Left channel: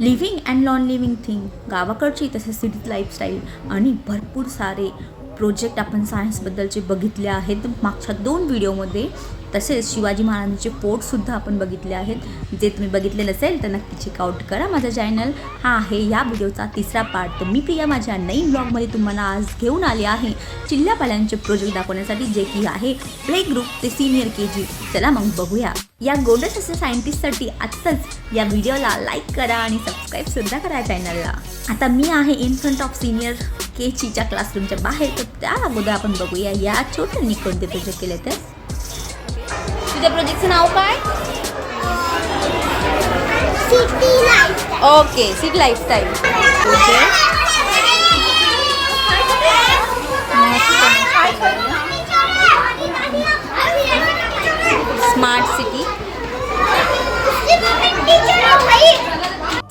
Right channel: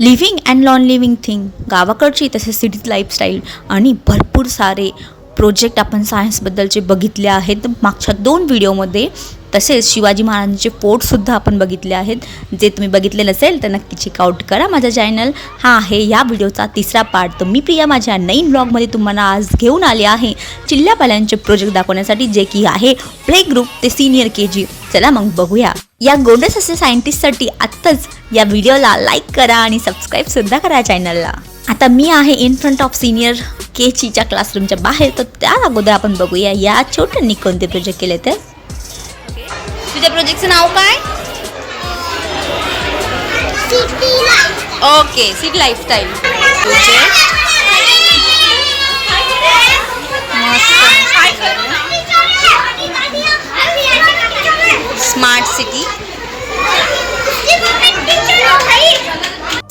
Living and non living thing गावाकडची तसेच cities lifestyle आणि भरपूर सारे प्रोजेक्ट आपण सायन्सबद्दलचे बघितले आहेत मागच्या दोन व्हिडिओमध्ये तसेच शिवाजी महाराजांचे फोर्टसुद्धा आपण बघितले आहेत. जे तुम्ही बघितले नसेल तर नक्की चेकआउट करा माझा चॅनल हा आहे या व्हिडिओचा तिसरा पार्ट तर मी प्रिया माझ्या नवीन ब्लॉगमध्ये तुम्हाला आज घेऊन आले आहे. चिल्ल्यापाल्यांचे प्रोजेक्ट दाखवण्यासाठी जे की आहे प्ले ग्रुप ते सिनियर के जी. चला मग बघूया. या गोंडस असे सायंटिस्टसाठी आत्ताच या व्हिडिओला लाईक करा आणि सबस्क्राईबसुद्धा करा चॅनलला आता मी आहे in front of senior K जीच्या क्लासरूमच्या बाहेर तर त्या अगोदर आपण बघूया या छोट्यांनी कोणते प्रोजेक्ट केले तर. तुझ्या प्रोजेक्टचं नाव काय? Okay city lifestyle project smart city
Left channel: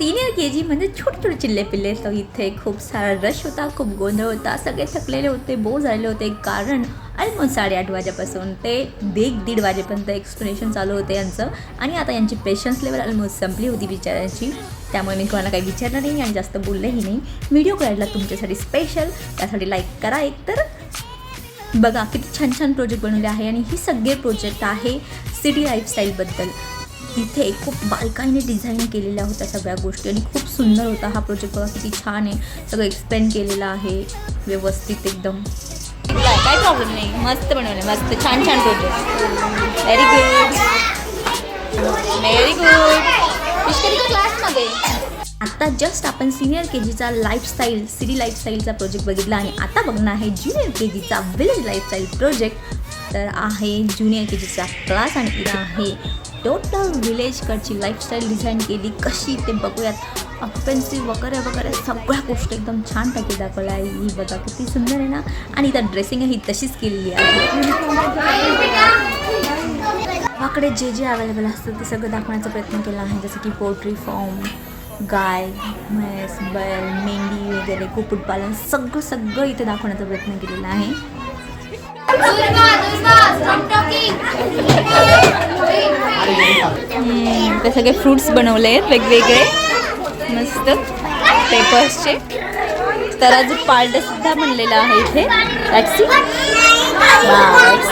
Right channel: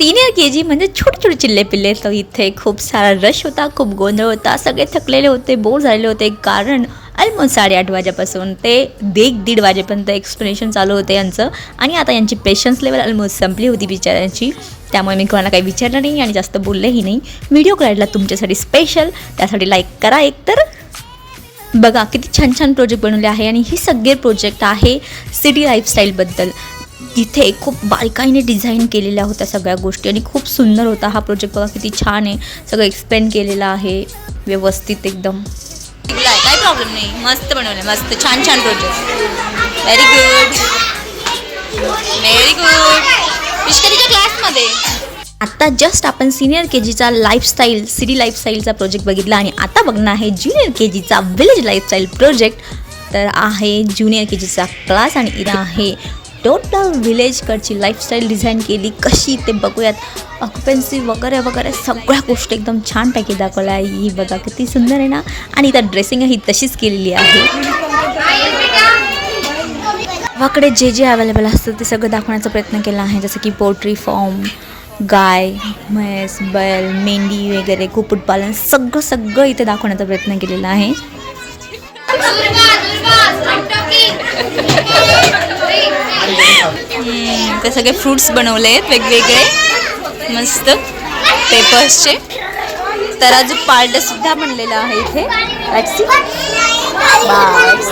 senior K G म्हणजे छोटे छोटे चिल्ले पिल्ले. तर इथे खूप सारा रश होता खूप गोंधळ होता. सगळे थकलेले होते बोर झालेले होते. कारण ऑलमोस्ट साडेआठ वाजेपासून ते एक दीड वाजेपर्यंत एक्सप्लेनेशन चालू होते यांचं. आणि आता यांची पेशन्स लेवल ऑलमोस्ट संपली होती बिचाऱ्यांची. त्यामुळे मी कोणाला काही विचारलं नाही आणि जास्त बोललेही नाही. व्हिडिओ काढला तुमच्यासाठी स्पेशल त्यासाठी लाईक करा एक तर बघा किती छान छान प्रोजेक्ट बनवले आहे आणि हे सगळे प्रोजेक्ट आहे सिटी लाईफस्टाईलबद्दल इथे खूप बारकाईने डिझाईन केलेल्या होत्या सगळ्या गोष्टी आणि खूप सुंदर होता हा प्रोजेक्ट बघा किती छान आहे. सगळं एक्सप्लेन केलेलं आहे. व्यवस्थित एकदम. काय प्रॉब्लेम नाही. मस्त बनवलं मस्त. छान छान project very good very good विष्करीच्या क्लासमध्ये आता जस्ट आपण सिनियर के जीचा लाईफस्टाईल सिटी लाईफस्टाईलचा प्रोजेक्ट बघितला आणि आता बघणं आहे ज्युनियर के जीचा विलेज लाईफस्टाईल प्रोजेक्ट तर आहे ज्युनियर के जीचा क्लास आणि इथं आहे टोटल विलेजकडची लाईफस्टाईल डिझाईन केली कशी ते बघूयात. ऑक्युपन्सी वगैरे वगैरे सगळ्या गोष्टी एकदम छानपैकी दाखवल्या. आहे ही बघा किती सुंदर आहे ना. आणि इथं ड्रेसिंग ही तशीच केलेली आहे. गावाकडे जे जे अवेलेबल असतं ते सगळं दाखवण्याचा प्रयत्न केला आहे. जसं की पोल्ट्री फॉर्म गाय म्हैस बैल मेंढी वगैरे कुक्कुटपालन सगळं सगळं इथे दाखवण्याचा प्रयत्न केलेला आहे. ते सगळे फ्रुट्स बनवले आहेत वेगवेगळे. मस्त. पेपर्सचे. तराजू पार्ट सुद्धा बनलेला आहे इथे. इट्स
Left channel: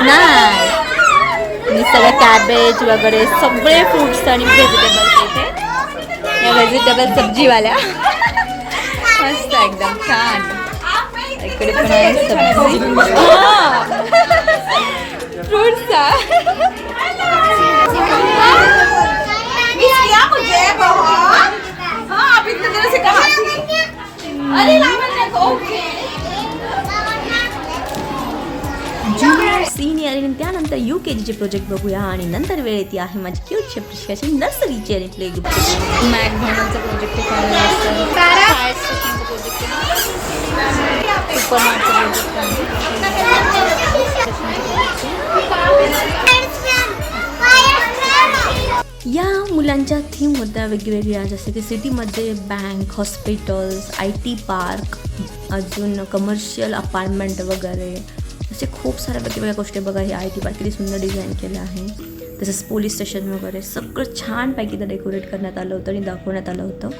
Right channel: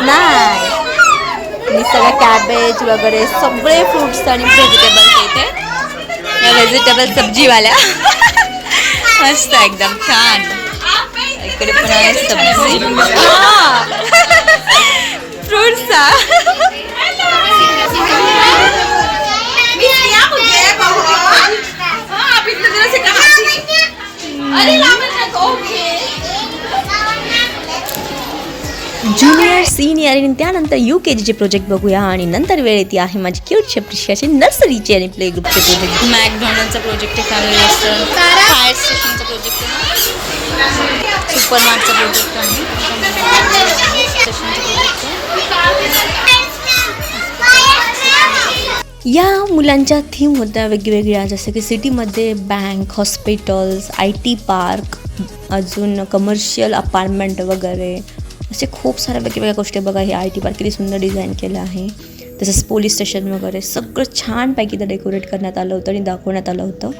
नाय आणि सगळं कॅबेज वगैरे सगळे फ्रुट्स आणि व्हेजिटेबल्स इथे. या व्हेजिटेबल सब्जीवाल्या. मस्त एकदम छान. इकडे पण आहे सब्जी. फ्रुट्सचा ज्युनियर सिनियर आणि त्यानंतर यू के जीचे प्रोजेक्ट बघूया. आणि नंतर वेळ येते आहे माझी क्यूट शेप्रिशियाची नर्सरीचे आणि प्ले ग्रुपचे प्रोजेक्ट मॅकडॉनल्डचा प्रोजेक्ट आहे फॅमिली रेस्टॉरंट फायर स्टेशनचा प्रोजेक्ट आहे सुपर मार्टचा प्रोजेक्ट आहे. या मुलांच्या थीम होत्या वेगवेगळ्या जसं की सिटीमध्ये bank hospitals I T park अजून कमर्शियल अपार्टमेंट वगैरे. असे खूप साऱ्या वेगवेगळ्या गोष्टी बघा हे आय टी पार्क किती सुंदर डिझाईन केलं आहे. तसंच पोलीस स्टेशन वगैरे सगळं छानपैकी ते डेकोरेट करण्यात आलं होतं आणि दाखवण्यात आलं होतं.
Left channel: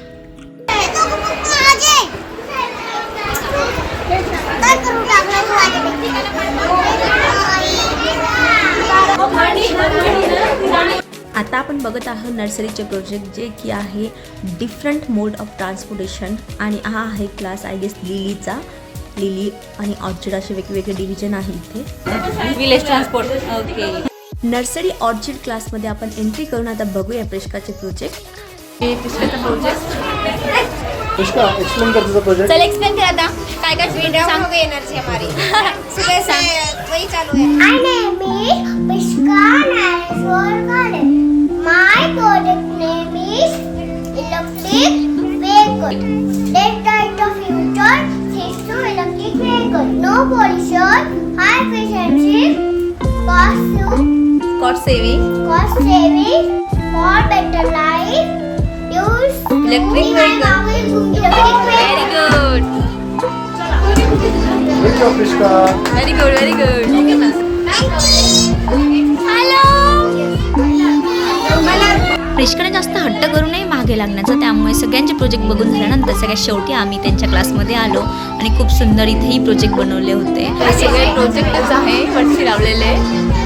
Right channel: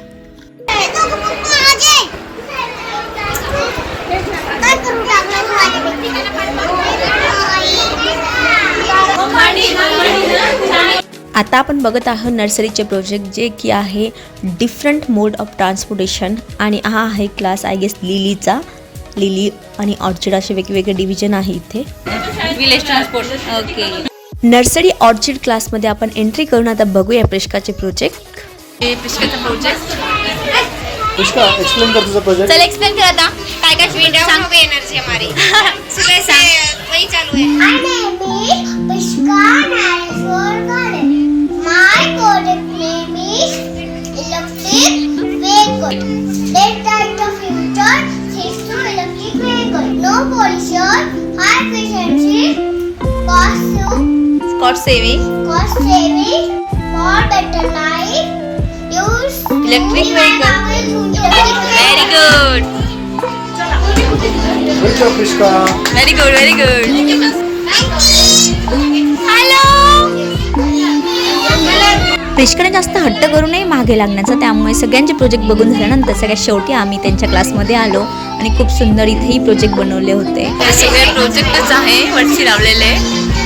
आता आपण बघत आहोत नर्सरीचे प्रोजेक्ट जे की आहे डिफरंट मोड ऑफ ट्रान्सपोर्टेशन आणि हा आहे क्लास आय गेस लिलीचा. लिली आणि ऑर्चिड असे वेगवेगळे डिव्हिजन आहे इथे. Village transport okay nursery orchid क्लासमध्ये आपण एंट्री करून आता बघूया प्रिष्काचे प्रोजेक्ट प्रिष्काचा प्रोजेक्ट पुष्का एक्सप्लेन कर तुझा प्रोजेक्ट चल एक्सप्लेन कर आता. काय काय मीडिया सांग. पे एनर्जी हमारी. सुबह से सांग. वही चालू है Scott saving cost saving, for better life. Use Electric vehicle. Job Pushka very good very good hello प्रिशकडे जास्त हट्ट करू नये मागे लागण्याचा. त्यामुळे सगळ्यांचे प्रोजेक्ट बघून झाल्यानंतर सगळ्यात शेवटी आम्ही त्यांच्या क्लासमध्ये आलो आणि खूप सुंदर इथेही प्रोजेक्ट बनवले होते. हे सगळे प्रोजेक्टच आहे वरती लावलेले.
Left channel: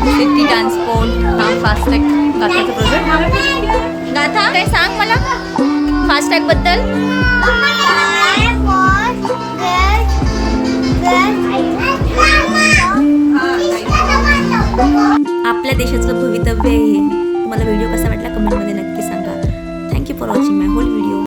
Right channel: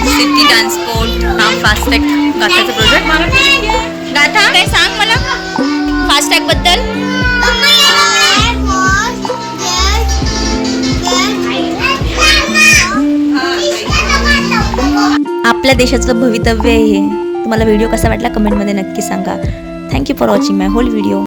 सिटी ट्रान्सपोर्ट हा फास्टॅग गाथाचा प्रोजेक्ट गाथा काय सांग मला? फास्टॅगबद्दल? आपल्या देशाचं भवितव्य आहे हे. तुम्हाला व्हिडिओ कसा वाटला? कमेंटमध्ये नक्की सांगा. Thank you for watching my whole video